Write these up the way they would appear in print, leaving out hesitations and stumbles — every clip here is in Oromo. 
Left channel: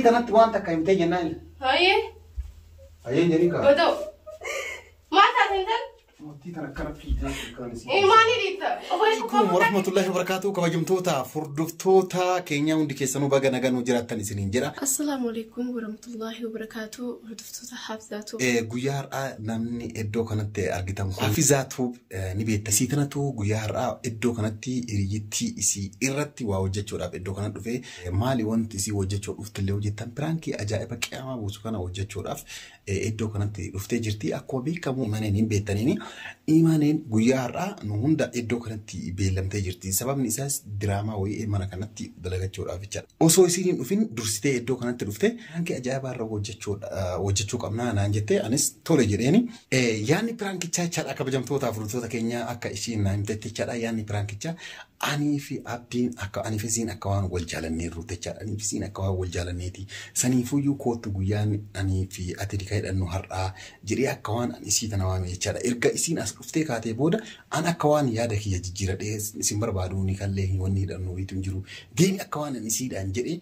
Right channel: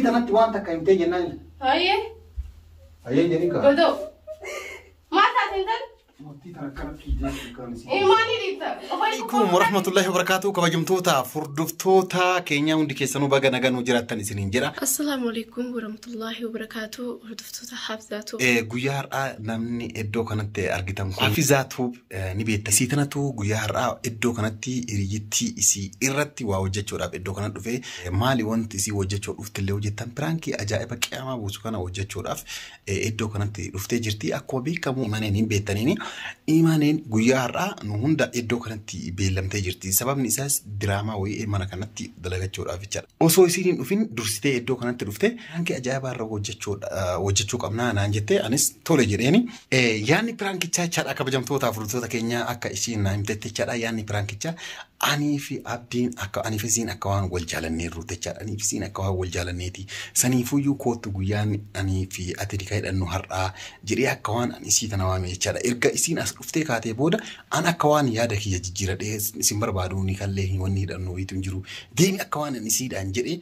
إذا أنت وأنت كنت جنان هاي جنيكا بدو ما تعتمدن عليكم ورحمة الله وبركاته كبجمتوتا فردفتوتا كينيا وندي سنو بقى نجانو جراتني سنين جرا. السلام عليكم ورحمة الله وبركاته فردفتوتا حافظاتو. جويار نمني إدو كانت أرجتهم حافظاتو نبيت تسيتنا تو جويار إدو كانت ريجتي إسي إرتي ووجهتشو راب إدو كانت في مالي وانت إسي وجهتشو رفت اللي وجهتهم برانكي أجائب كأما بوسكنا وجهتشو راب إدو كانت رفت جرتي أقوى كمو إيمانين بيتانيني إيمانين جويارا نهوندا إدو كانتي بيلم تجرتي سبب نساس دراما وي إيمانا كانتي دلقة شورا فيتشار أوسو يصيرين وفين درستي إدو كانت رفته هنك أجايب الرو وجهتشو كمنا أنا أنجتة أنس تولى جريني يعني برانكي تشار أكا بجمتوتا فروتوتا كينيا أكا إشين نايمتة تشار يعني برانكي تشار أني في أبدين أكا أني في زين أكوان والجالني روتة تشار أني في زين أكوان والجالنيتي سنيفو يو كوتو جويان أني في أتريكايد أنو هرا جري أكوان أني سيتنا وامي تشار إرجع إسين أسرفتي كاتي بودا أنا أكوان يادك هي جيرة ده سيمبر باروني كله وني دانو يتنجرو ديني أكوان نسيد أنجري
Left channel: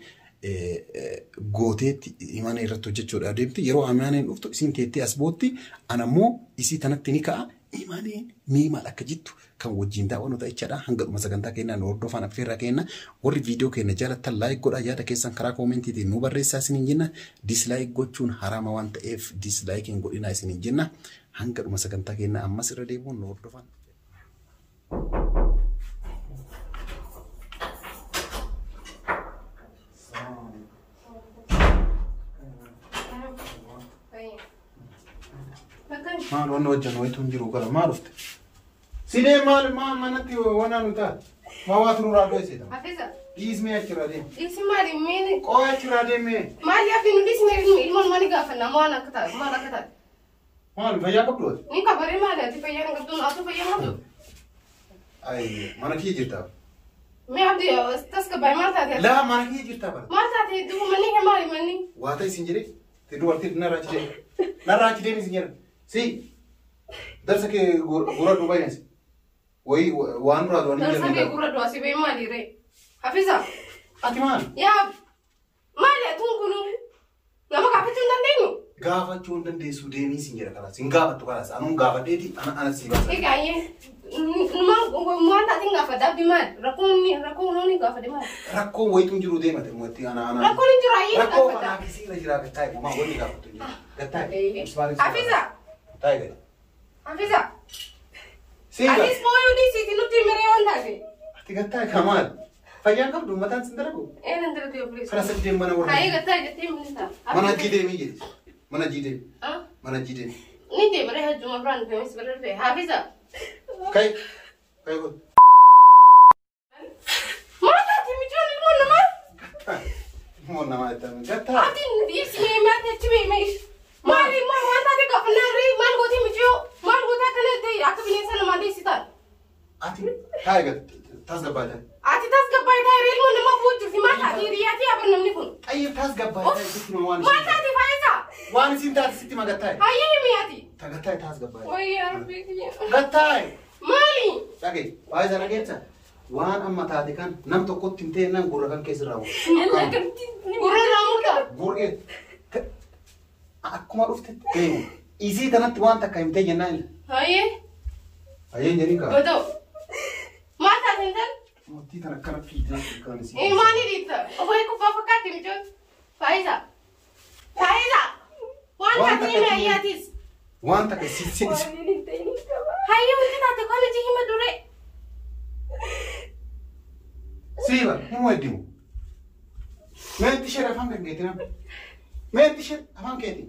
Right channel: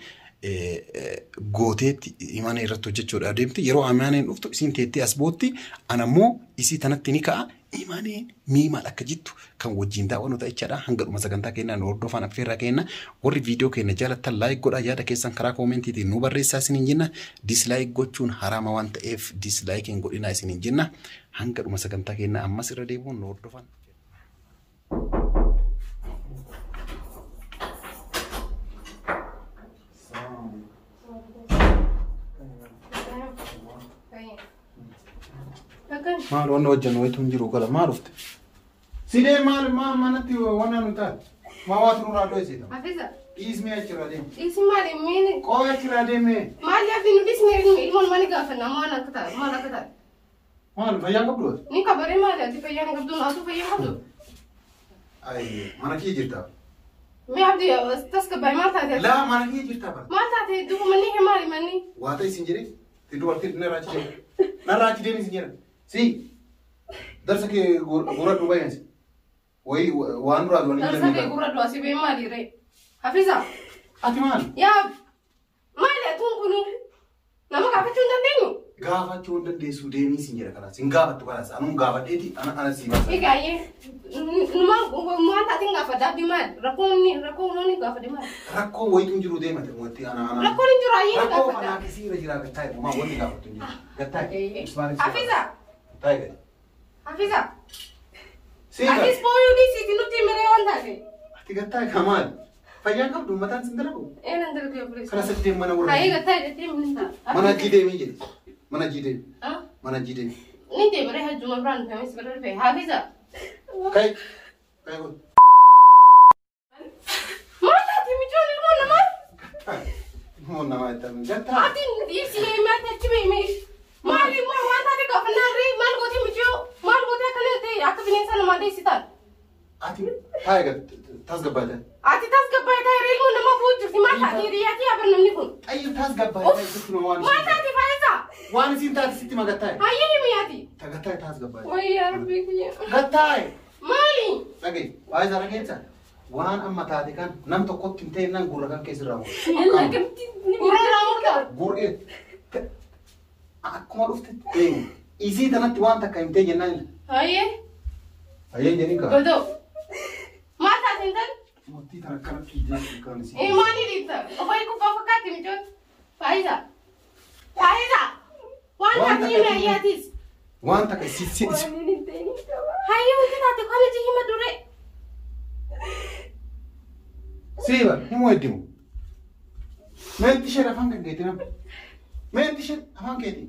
غوتيت إيمان يرتو جتشو دادمتي يرو أمانين أفتو إسين تيتي أسبوتي أنا مو إسي تنتني كا إيمانين ميما لكجتو كان وجين دا ونو تايشادا هنگر مسكنتا كينا نوردو فانا بفيرا كينا وري فيديو كينا جالتا لايك غودا يادا كيسان كرا كومنتي دي نوبر ريساسين جينا ديسلايك غوچون حرام وانت اف ديسلايكين غودينا سين جينا هنگر مسكنتا كينا أما سيرا ديبو نوردو فانا مال وانا وجهنا ويتونجرو كلا ما عرفت سيدي مال ما نتي وانا نتا ما واترو رادو سيدا حافظة اسمي أشرا ديم اسمي مالي مين كو أشرا ديم مالي أبي نديس مين إلمون ماني قافنا ما أنا كتاب مال فيا قبلوت ني كبري مالي أتي فيا نقبضون أتو فيا نقبض أي ما نكيد جرتا مي عبدي تسكب باي ما تاتي لا ما نكيد جرتا بس ما تاتي دوم مني كمالي مني واتاي سنجري تدو أرتي نراجي دين سنجري سي درسك غورا دوباي نسي وي وانورا دوني درسك غورا دو اسي بي مالي ري حافظة أتمان يا مالي أتون كنو نما كافتون دندينو غافتون دندي سوديني سنجري كلاس إن غافت كلاس أنا غافت ديتي أنا سيبا إيه كاي نما موان تاتي غافت دابي مال ركوني غافت دي مال ركو ويتونجرو ديما تموتي أنا ركوني جرا ركو غافت أنا كسيرة جرا كتاي ماما وني غافت تونجرو كتاي حافظة تايجر حافظة سيدا أتيس بويو دي سيتي نتي مليون هذي تكتاي كمال فيا قبل ما تنسندركو إيه نندرك يا بوليس خلاص الدين منا ورا هاي قتاي من انت منا جيدي ميجي منا جيدي ها منا جيدي نتي مريها الجمعة بران فهمت برر في حافظة كاي قول ما تاتي مجون المون ما مون ما يتم جتا أتي اسمي ما تتبي ميش مالي ما تاتي قفنا ري ما نقولي مجيو ما نقولها كنا دي أكتب إنسان ما دي ستار أتي هاي قد تزقب بعدين أتي تسقط باي تايري المون ما فوت في ما تاتي رياتي أبرنا منكم أي تزقب بعدين ستي ما واني ما تاتي فايزة واني سينتا ستي ما قتاي هاي مياتي تقتاي تزقب بعدين وي يا ربي قتاي مالي لقي هاي زرا جيتها وان أما تاتي كان نم تقط تنتين نم غورا كان كيس راو إلا كنت قرر رامك غورة أكو ما رفت إيه إزاي تنت وان تكايمتي جنال هاي جنيكا بدو ما تعتمدن متي تنكر في جنال كانسي إيه ماني ديتا أبوي كوفا فكاتي مجون فايزة وان تاتي مياتيس وان تكايسي هاي وانت تاتي كل شيء ما دوري سيبا مو يديمو ما انتشر أفهم كيتنا ما انتشر أفهم كيتي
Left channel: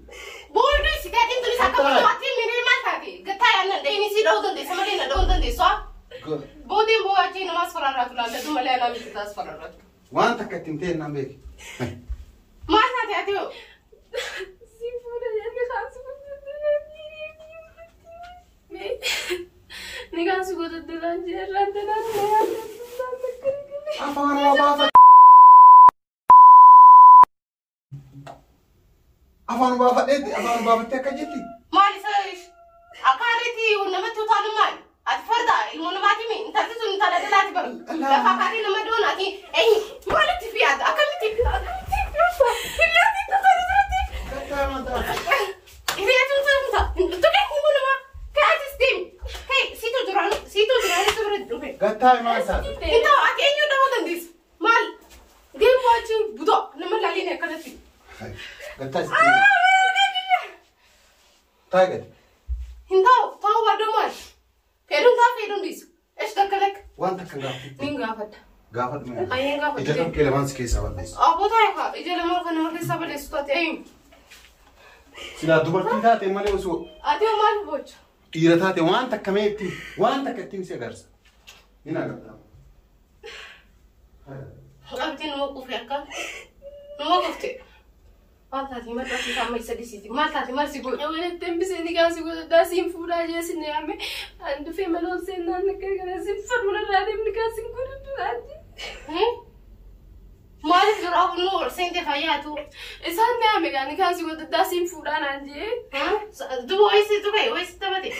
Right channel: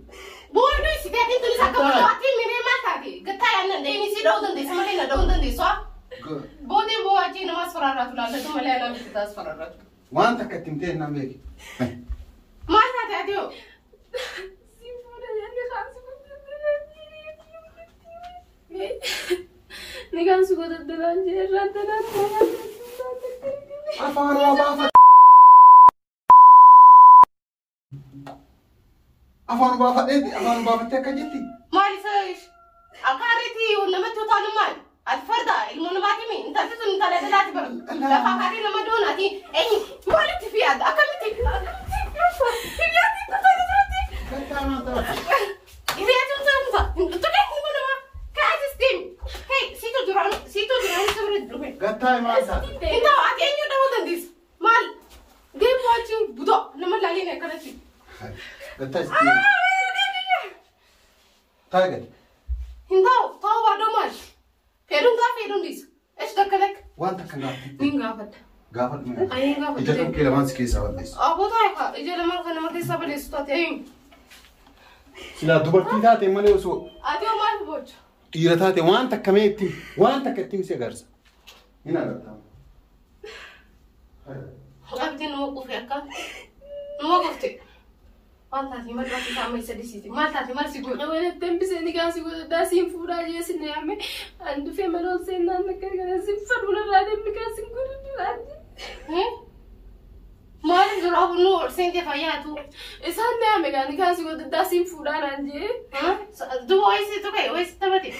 بولدو سكاتين تلي سكوا تواتي مني ما تاتي قطع أنا ديني سيدو دندي سمعنا دون دندي سوا بودين بو أجي نماز فرارات ولا لدو ملأ أنا مش كتاس فرارات وان تكتمتين نام بيك ما تاتي أديو نيجان سكوت الدلان جرّا الدلان أفان بابا إيه أفان بابا تكجتي مالي سويش أكارتي ونمتو تانو مال الفردا المنباتي مين أنت تزن أنت لا تلاتي بر لا فكاري لما دوناتي أي مالك في هذا أكملتي Gatta sitti. Tiger. Hindau, tahu waduman. Fedun tak fedun dis. Dakalek. Waan takka gaafatti. Ningafat. Gaafat mee. Ayin gafat. Ija tokko lamaan si keessaa balleessu. Abu tahu kah. Ija lemah kan nama kisah balleessu tadi. Ayin. Silaa dubartii taate malee osoo Ati amal boch. dhiira taate waan takka meetti waan takka ittiin si agarsa. Ni agartaa. Abdi nama kufri akka. Nama kufti. Maaltaati maaltaati sama isa disiti. Maaltaati maal si godhu. Wala tambisee ni gaasi godhu daasiin fuudhaa jeesi ni ame an dhufee mana seenaan nakka sin fadhula raadee ni gaasi godhu raadee. Maaliif dura nu seente fayyaatu. Isaan ni ame gaani gaasi godhu daasiin fuudhaa naan jee. Duba wayisi tuqee wayisi taphate.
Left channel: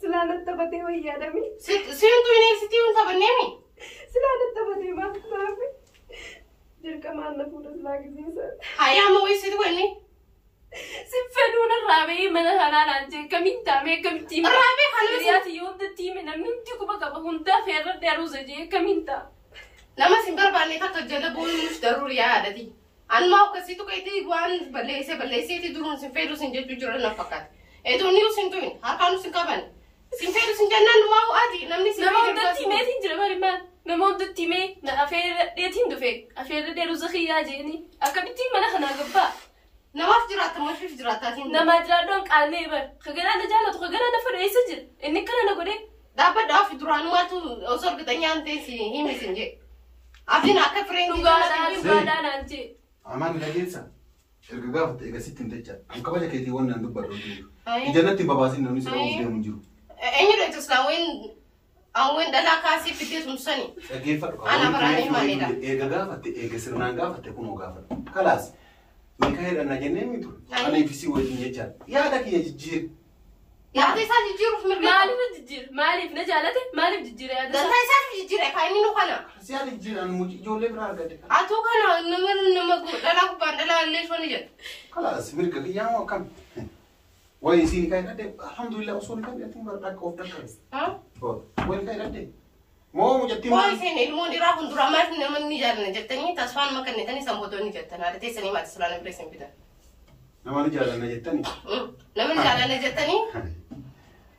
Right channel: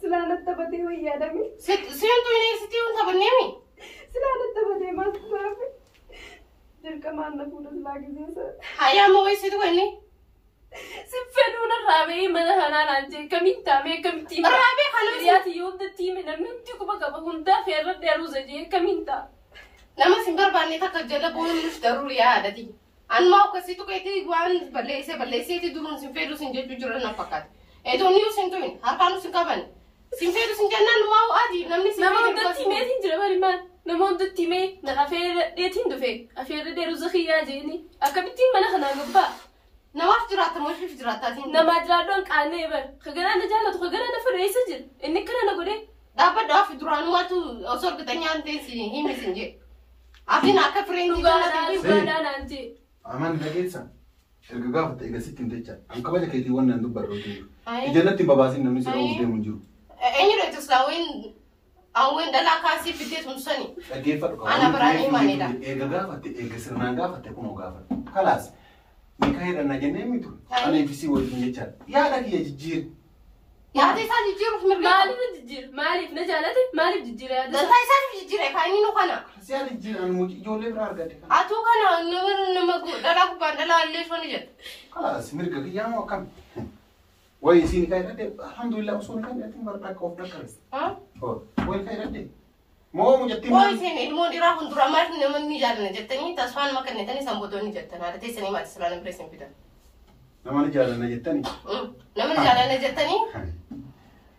Silaanatti taphatee wayyaadami. Seentu yuunivarsiitii hun taphanneemi. Silaanatti taphatee maal maafi. Dirqamaan na fuudha silaa giseessa. Hayyaama wayisi tuqee inni. Si fedhuun raabee mana kanaa naan jee kamiin taamee kamitti. Raabee kana hiriyaati yoo hundatti hime namni hundi quba qaba hundaa feerra dheeruusa jee kamiin taa. Nama sin barbaanne takka jala bu'uun daruuri yaadati. Anuma akkasii tuqeeti waan balleesseeti duruun sin fedhu sin jechuu jira na fakkaata. Edoonni sin tu'in harkaan sin qaban. Sin fedhu sin jennaan maa adi namni sin nama hundatti himeetiin jira bari maal nama hundatti himee na afeerra dheetiin dhufe afeerra dheeruusa kiyyaa jeeni akkamittiin mana kanaa gabbaa. Namaaf jiraata maaliif jiraataatiin. Nama jiraaddoon qaanee bar kaganaa na jaalatu kaganaa na fedhu eessa jira inni kana na godhee. Dhaabbadhaaf duraanumaatu osoo argatanyaan teessi himi sin jee. Abdiin akka fireen dhugaadhaan naan jee. Amaan dhageessa. Erga gaafate egaa sitti hin jecha. An kabaja keetii waan nan dubbadhu. Ija natti babaasin namni sirra of deemu jiru. Eenyu dha awwen dhalaa kaasii fidee sun sani. Dhaggeeffadhu qaba. Ana biraanii maalidha. Eega gaafate eega sirnaan gaafate kunoo gaafate. Kalaas. Meeqa hedhanna jennee mitu. Ani ifisii wajjin jechaa. Yaada kiyya jijjiir. Yaada isaa jijjiiruuf mirga. Maaliif jijjiir? Maaliif na jaalate? Maaliif jijjiira yaada isaa? Dantaa isaatiif jijjiira kan inni nu kana. Si ani jijjiiran muci ijoollee biraa argate. Atuu kana nama dhalaa gubbaan dhalaa illee shoni jedha. Kalaas mirga kiyyaa moo akkam? Wayi isiin ka'e dhadhee alhamdulillah osoo hin qabatin bara dhaqqa of dhaqqabes. Wayi ka'e dhadhee. Moo mujatti maal? Wayi seen ilmoo dhiiraa fuulduraa maal namni jaallanna jettanii tasfaan makannetanii sanbootonni jettan haadha teessanii maatii siraan impireessin fidan. Namni jaallanna jettanii? Namni jaallanna jettanii?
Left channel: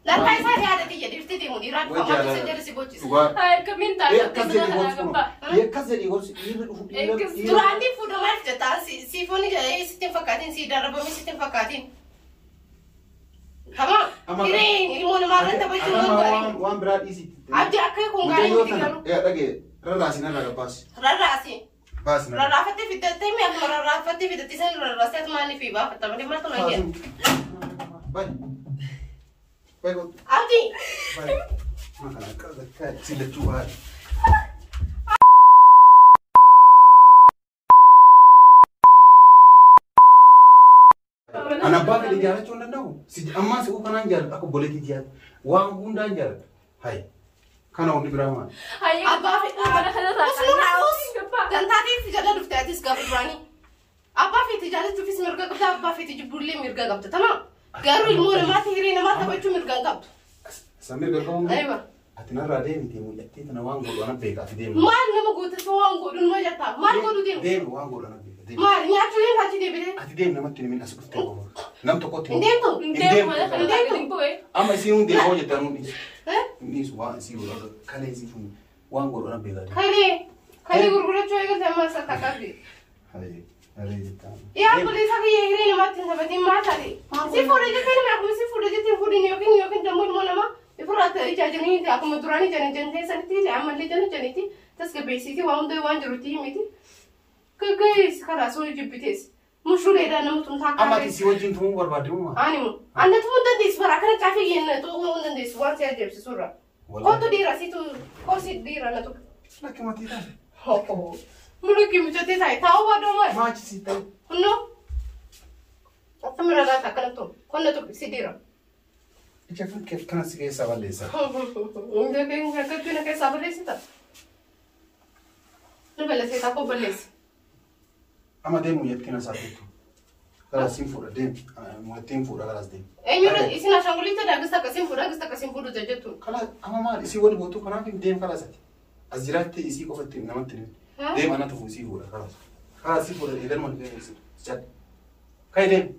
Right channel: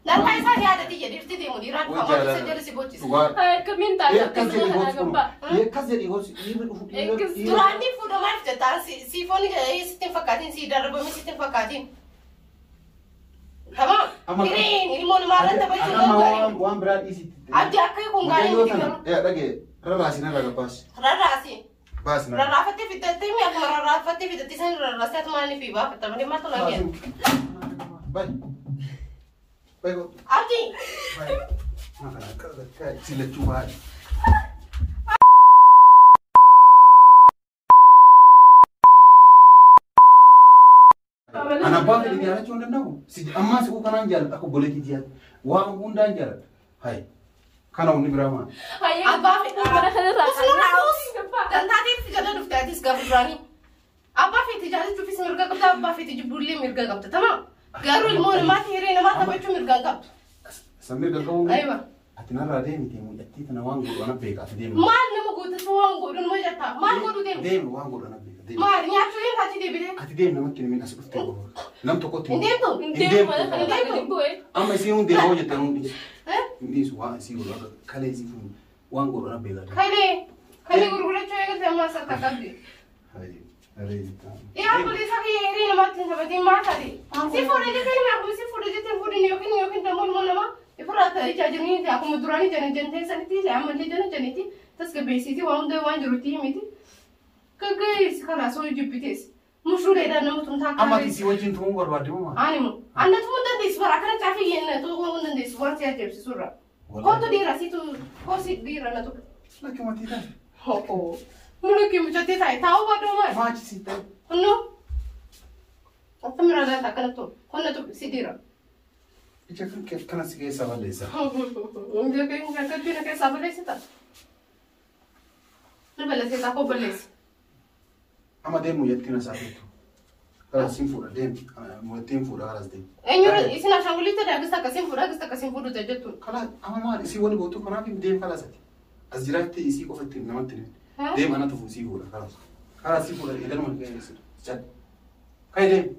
Dantaa isaa yaadati jedhifti deemu dhiiraa dhufa maal isa jedhu si bochiisa. Kamiin taa'ee akkas jedha kanaa gabbaa. Akkas jedhee gosi dhiirri dhufu dhiirri. Duraanii fuudhoo maal jettaa siifoon sitti hin fakkaatiin sii darabamee sitti hin fakkaatiin. Tamam. Ini ilmu nama renta baju nama wan berat isi. Abdi aku kun gari mesti garu. Ya lagi. Rarasi nada lepas. Rarasi. Pas. Rarafati fitat temi aku rarafati fitat tisan rarasi atau mani fiba. Pertama ni mata lagi. Baik. Baik. Abdi. Baik. Makalah kau silat cuba. Anak bapak di jalan cuma tahu. Si amma si bukan anjal, aku boleh tidiat. Wang bunda anjal. Hai. Karena ini berapa? Hai. Abah, usul harus. Dan tadi tidak ada duftatis gabrani. Abah fit tidak ada duftis mirga kapta. Abah fit jubuli mirga kapta. Tamam. Garu ilmu nama tiri nama tahu cuma mirga kapta. Sambil kau. Aiyah. Atina rade ni timu jati tena wang guru anak beka ti dem. Mal nama guru tu wang guru nama jata. Mal guru dem. Dem wang guru anak beka. Mal ni atu yang kaji dem. Ati dem nama tini min asuk temu. Nam toko temu. Dem tu. Dem mana kana dem boy. Amma si un dem hoje tanu ni. Ni su wa si guru. Kale si fu wang guru anak beka. Kale guru cuy kan sama sa takabi. Kale jata. Ya boleh sakit ini nama tin sama tim mata di. Si fura je tin aku si fura je tin fura nyokin tamu nama. Ifrat aja ni aku madurani jani saniti amalli jani janiti tas ke besi ti wang de wan juruti miti guys kala so jibites mushur era namu tum tha amma ti si wajin tum barbadu ma animu anna tum dan dis para kana chafe yen to tum dan dis wan se ajeb surra ko to dira si tu ko si dira na to laki mati ta ho mulu ki mujati thai thaw ba do ma ma chi si ta no atamra ga takana to konna to si dira Jangan kena sikit sabar lesa. Dia kan kena kayak sabar lesa tak? Ni belas kita aku belas. Ama dem muyat kena sabar tu. Kalau simfura dem muyat simfura kalau dem. Nyurat isi nasi angulita dah gesta kasim furu saja tu. Kalau ama mal isi wani botu kana kim dem kalau sati. Azirat isi kau fatim nama tim. Dem anak tu fusi fura kalau. خلاص يقول إذا ما كان يصير جد كيدين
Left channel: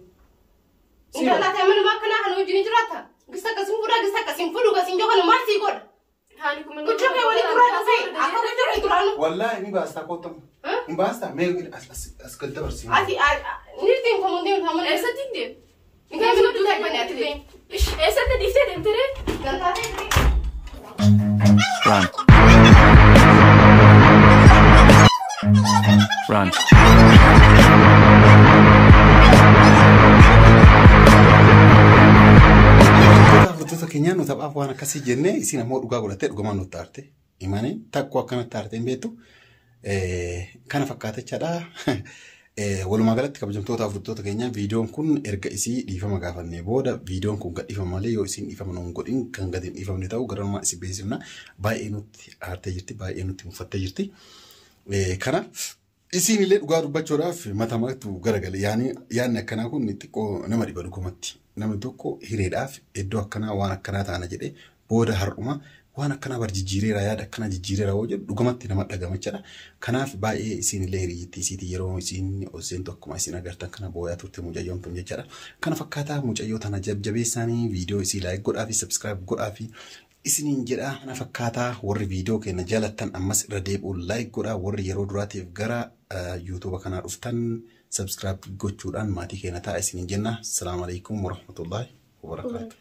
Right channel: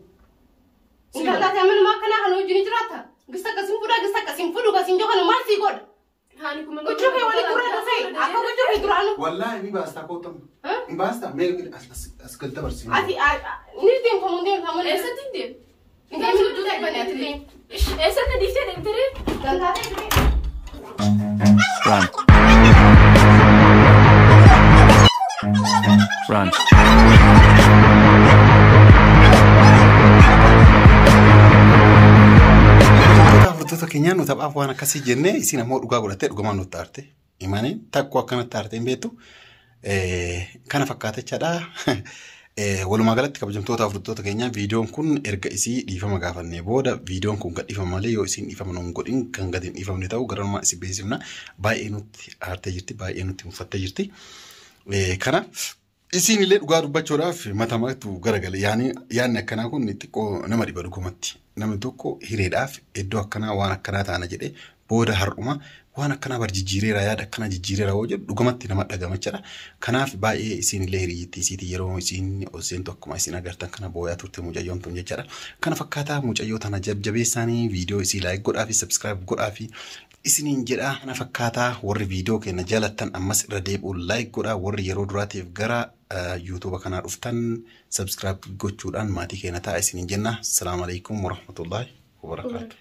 إنت تعمل ما كنا هنوجي نجراتها قصة قسم فودا قصة قسم فودو قسم جهنم ما سيقول هانيكم من وشوفي ولي ترى نسي أكو وشوفي ترى والله مي باستا كوتم مي باستا مي أسكت دبرسين أتي نيرتين كمودين هم إيش تندم إنت مش بدك بنات لين إيش تدفتر ترى Run. Run. Furtuuta keenyaan nu taphaaf waan akkasii jennee isin ammoo dhugaa godhattee dhugamaan nutti aarte. Imanii takkoo akkanatti aarte hin beektu. Kana fakkaatachaadha. Walumaa galatti kabajamtoota furtuuta keenyaa viidiyoon kun erga isii dhiifama gaafannee booda viidiyoon kun gad dhiifama malee yoo isin dhiifama nuun godhin kan gad hin dhiifamne ta'u garanumaa isin beeksifna. Baay'ee nutti aartee jirti, baay'ee nutti muffattee jirti. Kana isin illee dhugaa dubbachuudhaaf matamatu garagale. Yaanni akkanaa kun xiqqoo nama dhiba dhugumatti. Namni tokko hireedhaaf iddoo akkanaa waan akkanaa taana jedhee booda har'uma waan akkanaa bar jijjiireera yaada akkana jijjiireera hoo jedhu dhugumatti nama dhagamachaadha. Kanaaf baay'ee isin illee hiriyyittii isiitii yeroo isin oseentu akkuma isin agartan kana booyaa turte mucayyoon tun jechaadha. Kana fakkaataa mucayyoo tana jajjabeessaanii viidiyoo isii laayik godhaa fi sabskiraayib godhaa fi isiniin jedha. Kana fakkaataa warri viidiyoo keenya jaalattan ammas irra deebi'uun laayik godhaa. Warri yeroo duraatiif gara YouTube kanaa dhuftan subscribe gochuudhaan maatii keenya ta'a isiniin jenna. Assalaamu alaykum wa rahmatullahi wa barakaatuh.